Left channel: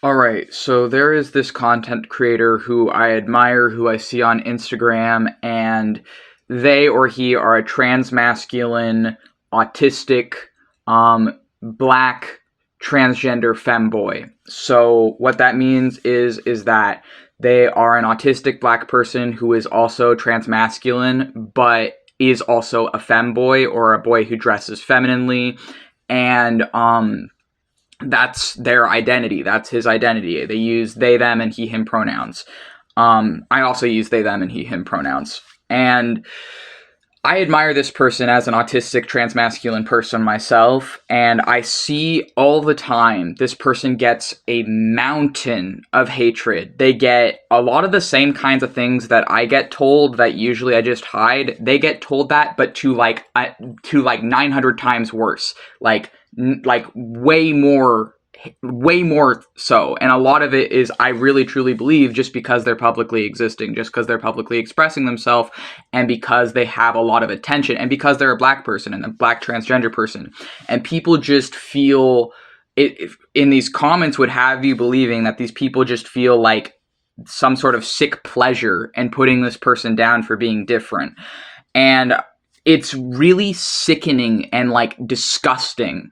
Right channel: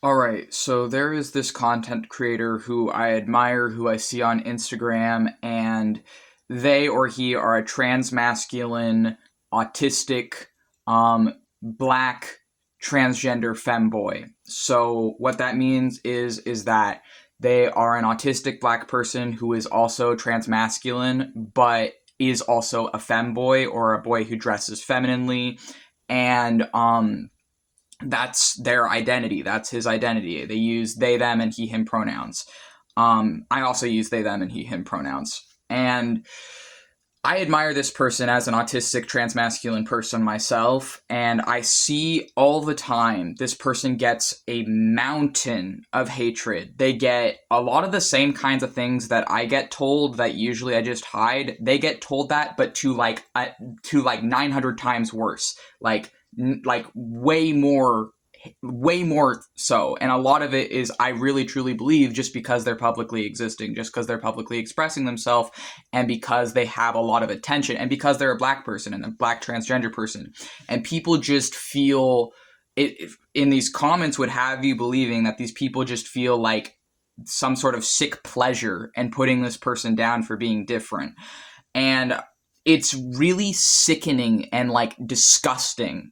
All right, so there is this content creator who I admire, who I see on Instagram, and they or he are a transmasculine, autistic, black, transgender femboy. So what that means is that they are an autistic black person who is also transmasculine, but is also a femboy or a boy who dresses femininely, and that's their identity. That's his identity. They use they, them, and he, him pronouns. I also use they, them, and he, him pronouns. And I admire this person as an autistic transmasculine person myself, and I see all the time this person gets a mountain of hatred. They get a lot of the same kinds of things that I get told that usually I just hide. They get told that, but to like 900 times worse. Like way more so. And a lot of it is, I really truly believe, just because they're publicly existing, just because they're publicly expressing themselves, and because they have a lot of attention, and because they're a black person and a black transgender person. And people just feel it in these comments would have you believing that these people just feel like some sort of sick pleasure in putting this person down for being different. And it's really sickening and like disgusting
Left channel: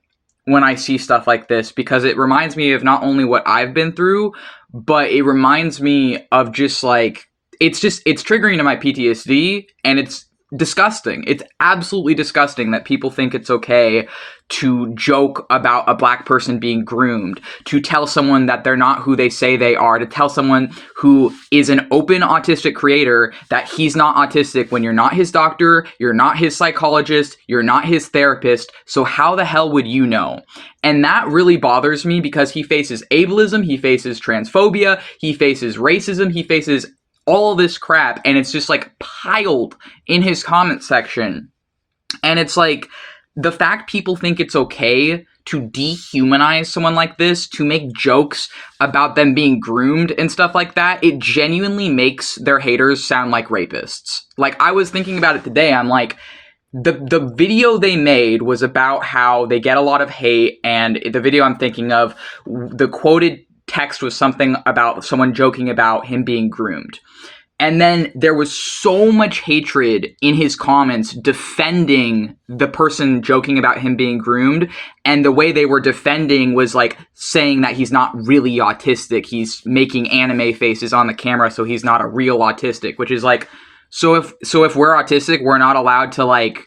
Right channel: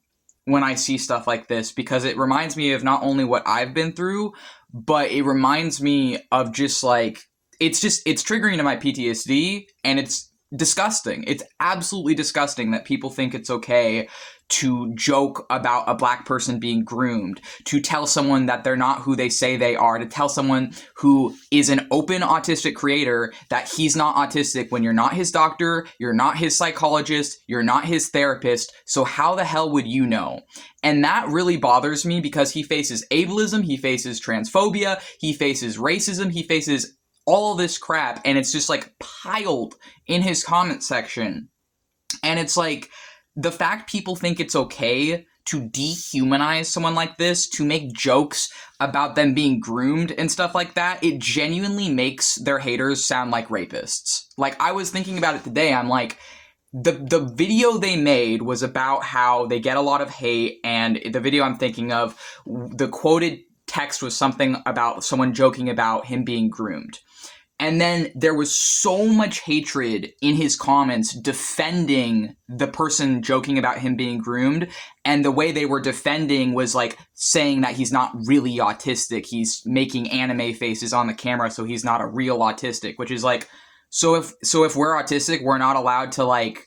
when I see stuff like this, because it reminds me of not only what I've been through, but it reminds me of just like, it's triggering to my PTSD, and it's disgusting. It's absolutely disgusting that people think it's okay to joke about a black person being groomed, to tell someone that they're not who they say they are, to tell someone who is an open autistic creator that he's not autistic when you're not his doctor, you're not his psychologist, you're not his therapist, so how the hell would you know? And that really bothers me, because he faces ableism, he faces transphobia, he faces racism, he faces all this crap, and it's just like piled in his comment section. And it's like, the fact people think it's okay to dehumanize someone like this, to make jokes about them being groomed and stuff like that, it genuinely makes their haters sound like rapists. Like, I was thinking about it today, I'm like, the video they made was about how they get a lot of hate, and the video I'm thinking of, the quoted text was something about someone joking about him being groomed. And then there was so much hatred in his comments defending the person joking about him being groomed. And the way they were defending was like saying that he's not really autistic. He's making anime faces on the camera, so he's not a real autistic, which is like, so if we're autistic, we're not allowed to, like,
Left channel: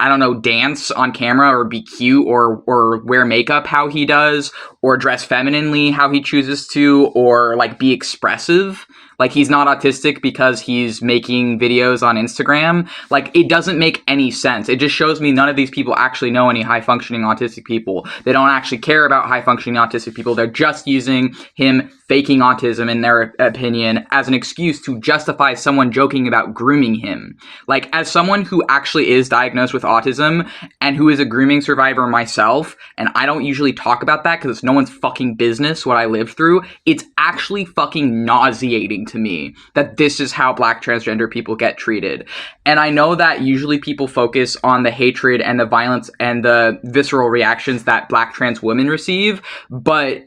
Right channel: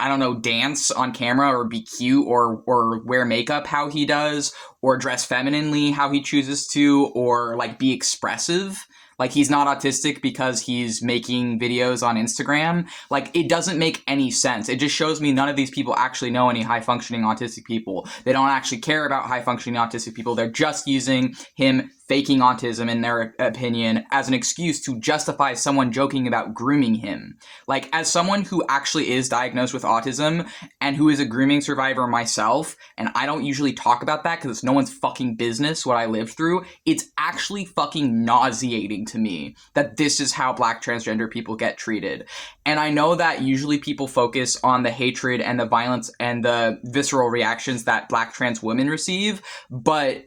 I don't know, dance on camera or be cute or wear makeup how he does, or dress femininely how he chooses to, or like be expressive. Like, he's not autistic because he's making videos on Instagram. Like, it doesn't make any sense. It just shows me none of these people actually know any high-functioning autistic people. They don't actually care about high-functioning autistic people. They're just using him faking autism, in their opinion, as an excuse to justify someone joking about grooming him. Like, as someone who actually is diagnosed with autism and who is a grooming survivor myself, and I don't usually talk about that because it's no one's fucking business what I lived through, it's actually fucking nauseating to me that this is how black transgender people get treated. And I know that usually people focus on the hatred and the violence and the visceral reactions that black trans women receive, but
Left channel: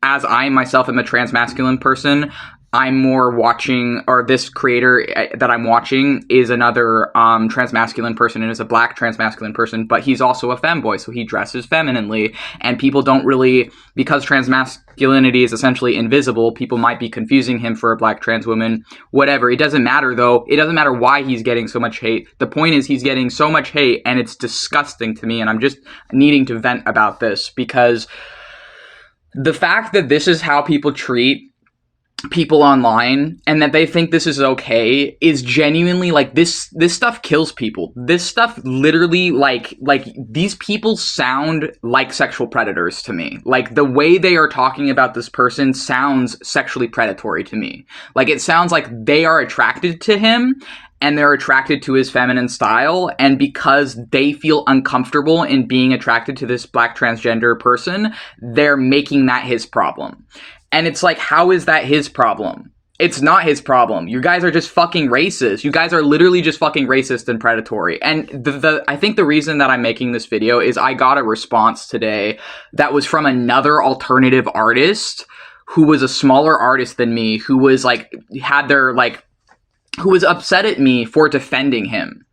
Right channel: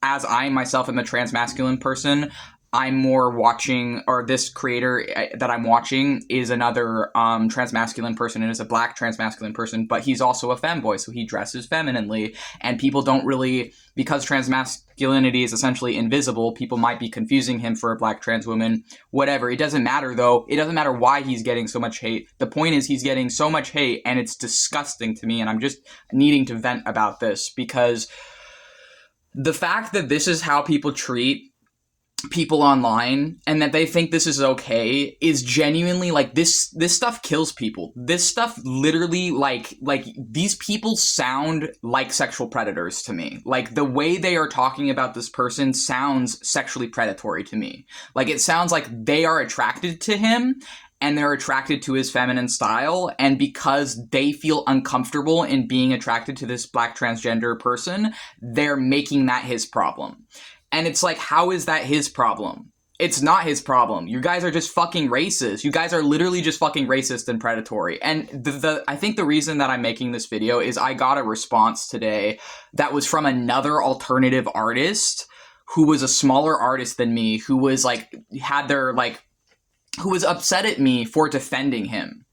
as I myself am a transmasculine person, I'm more watching, or this creator that I'm watching is another transmasculine person, and is a black transmasculine person, but he's also a femboy, so he dresses femininely, and people don't really, because transmasculinity is essentially invisible, people might be confusing him for a black trans woman, whatever. It doesn't matter, though. It doesn't matter why he's getting so much hate. The point is, he's getting so much hate, and it's disgusting to me, and I'm just needing to vent about this, because the fact that this is how people treat people online, and that they think this is okay, is genuinely like, this stuff kills people. This stuff literally, like these people sound like sexual predators to me. Like, the way they are talking about this person sounds sexually predatory to me. Like, it sounds like they are attracted to him, and they're attracted to his feminine style, and because they feel uncomfortable in being attracted to this black transgender person, they're making that his problem. And it's like, how is that his problem? It's not his problem. You guys are just fucking racist. You guys are literally just fucking racist and predatory. And I think the reason that I'm making this video is I got a response today that was from another alternative artist who was a smaller artist than me, who was like, who was upset at me for defending him.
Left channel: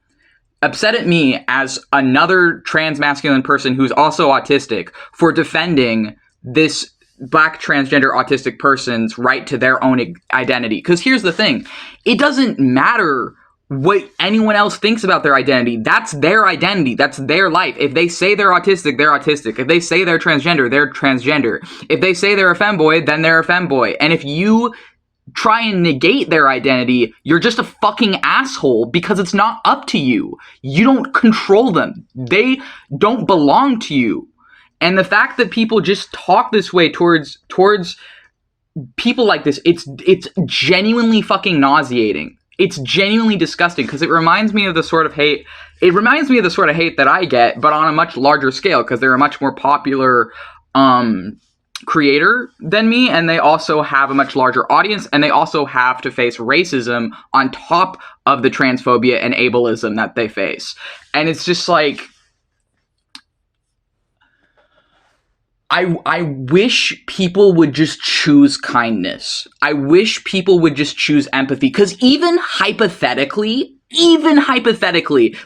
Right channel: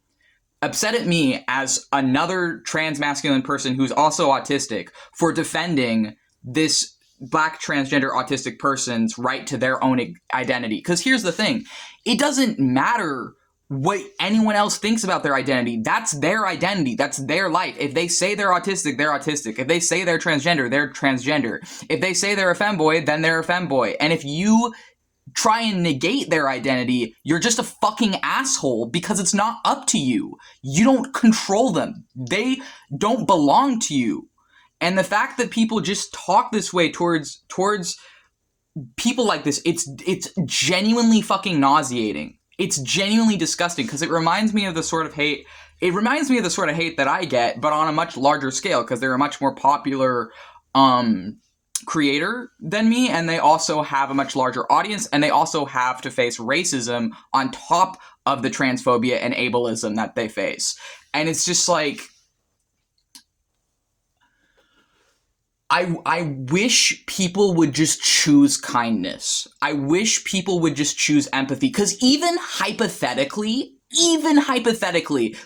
Upset at me as another trans masculine person who's also autistic for defending this Black transgender autistic person's right to their own identity. Because here's the thing. It doesn't matter what anyone else thinks about their identity. That's their identity. That's their life. If they say they're autistic, they're autistic. If they say they're transgender, they're transgender. If they say they're a femboy, then they're a femboy. And if you try and negate their identity, you're just a fucking asshole because it's not up to you. You don't control them. They don't belong to you. And the fact that people just talk this way towards people like this, it's genuinely fucking nauseating. It's genuinely disgusting because it reminds me of the sort of hate. It reminds me of the sort of hate that I get, but on a much larger scale because they're a much more popular creator than me, and they also have a much larger audience, and they also have to face racism on top of the transphobia and ableism that they face. And it's just like, I wish people would just choose kindness. I wish people would just choose empathy. Because even hypothetically,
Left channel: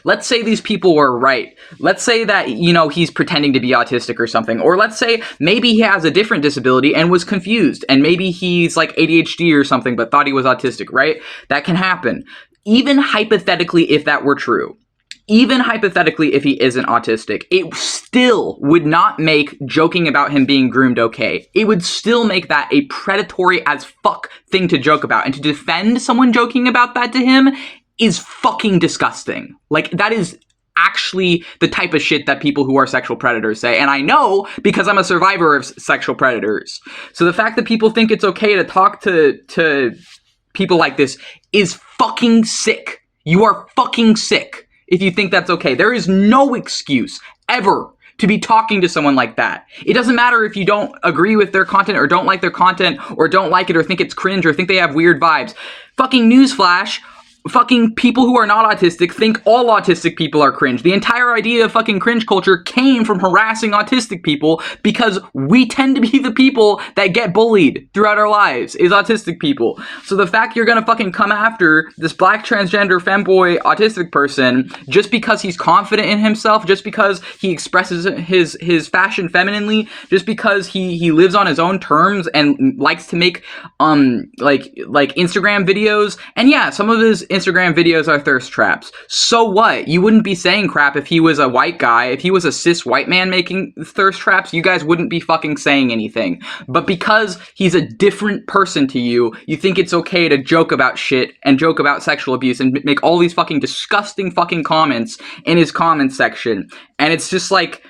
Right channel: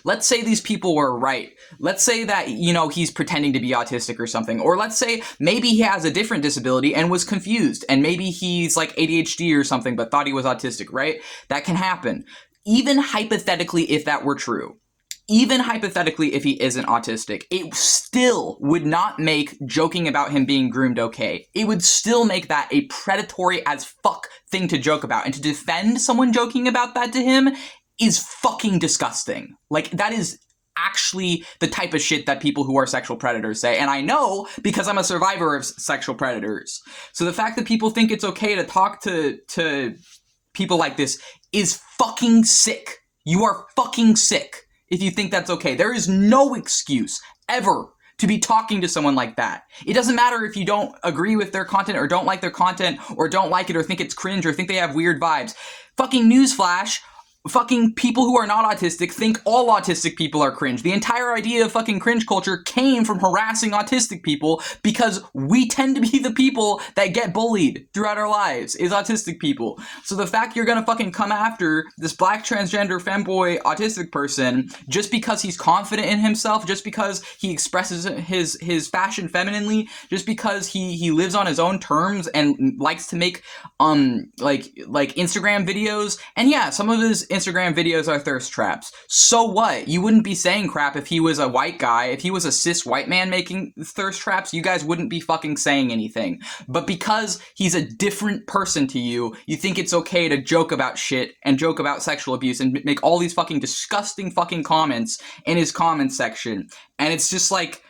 let's say these people were right. Let's say that, you know, he's pretending to be autistic or something. Or let's say maybe he has a different disability and was confused. And maybe he's like ADHD or something, but thought he was autistic, right? That can happen. Even hypothetically, if that were true. Even hypothetically, if he isn't autistic, it still would not make joking about him being groomed okay. It would still make that a predatory as fuck thing to joke about. And to defend someone joking about that to him is fucking disgusting. Like, that is actually the type of shit that people who are sexual predators say. And I know because I'm a survivor of sexual predators. So the fact that people think it's okay to talk to people like this is fucking sick. You are fucking sick. If you think that's okay. There is no excuse ever to be talking to someone like that. It doesn't matter if you don't agree with their content or don't like their content or don't like it or think it's cringe or think they have weird vibes. Fucking newsflash. Fucking people who are not autistic think all autistic people are cringe. The entire idea of fucking cringe culture came from harassing autistic people because we tend to be the people that get bullied throughout our lives, is autistic people. So the fact you're gonna fucking come after this Black transgender femboy autistic person just because he's confident in himself, just because he expresses his fashion femininely, just because he lives on his own terms and likes to make like Instagram videos, and yeah, some of his Instagram videos are thirst traps. So what? You wouldn't be saying crap if he was a white guy. If he was a cis white man making thirst traps, you guys wouldn't be fucking saying anything. But because he's a different person to you, you think it's okay to joke about shit and joke about sexual abuse and make all these fucking disgusting fucking comments in his comment section. And it's just like,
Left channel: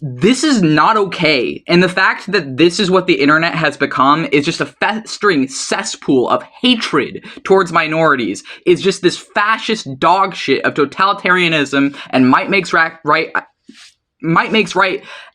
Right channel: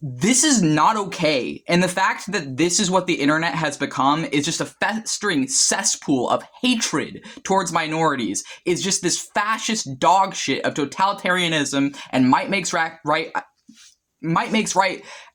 this is not okay. And the fact that this is what the internet has become is just a festering cesspool of hatred towards minorities, is just this fascist dog shit of totalitarianism and might makes right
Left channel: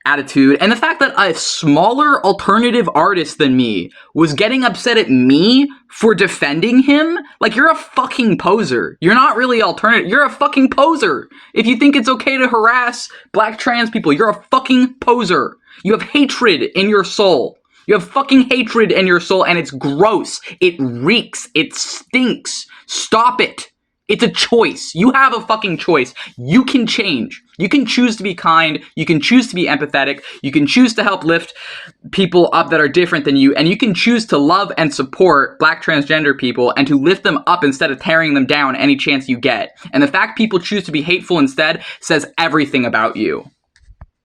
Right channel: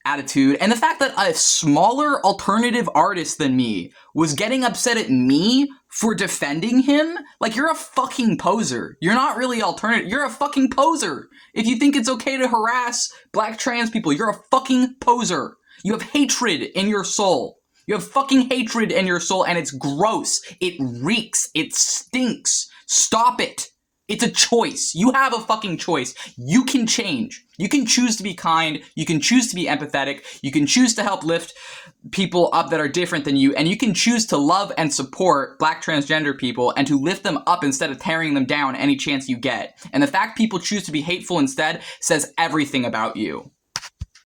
attitude. And the fact that a smaller alternative artist than me was getting upset at me for defending him, like, you're a fucking poser. You're not really alternative. You're a fucking poser. If you think it's okay to harass Black trans people, you're a fucking poser. You have hatred in your soul. You have fucking hatred in your soul, and it's gross. It reeks. It stinks. Stop it. It's a choice. You have a fucking choice. You can change. You can choose to be kind. You can choose to be empathetic. You can choose to help lift people up that are different than you. And you can choose to love and support Black transgender people and to lift them up instead of tearing them down any chance you get. And the fact people choose to be hateful instead says everything about you.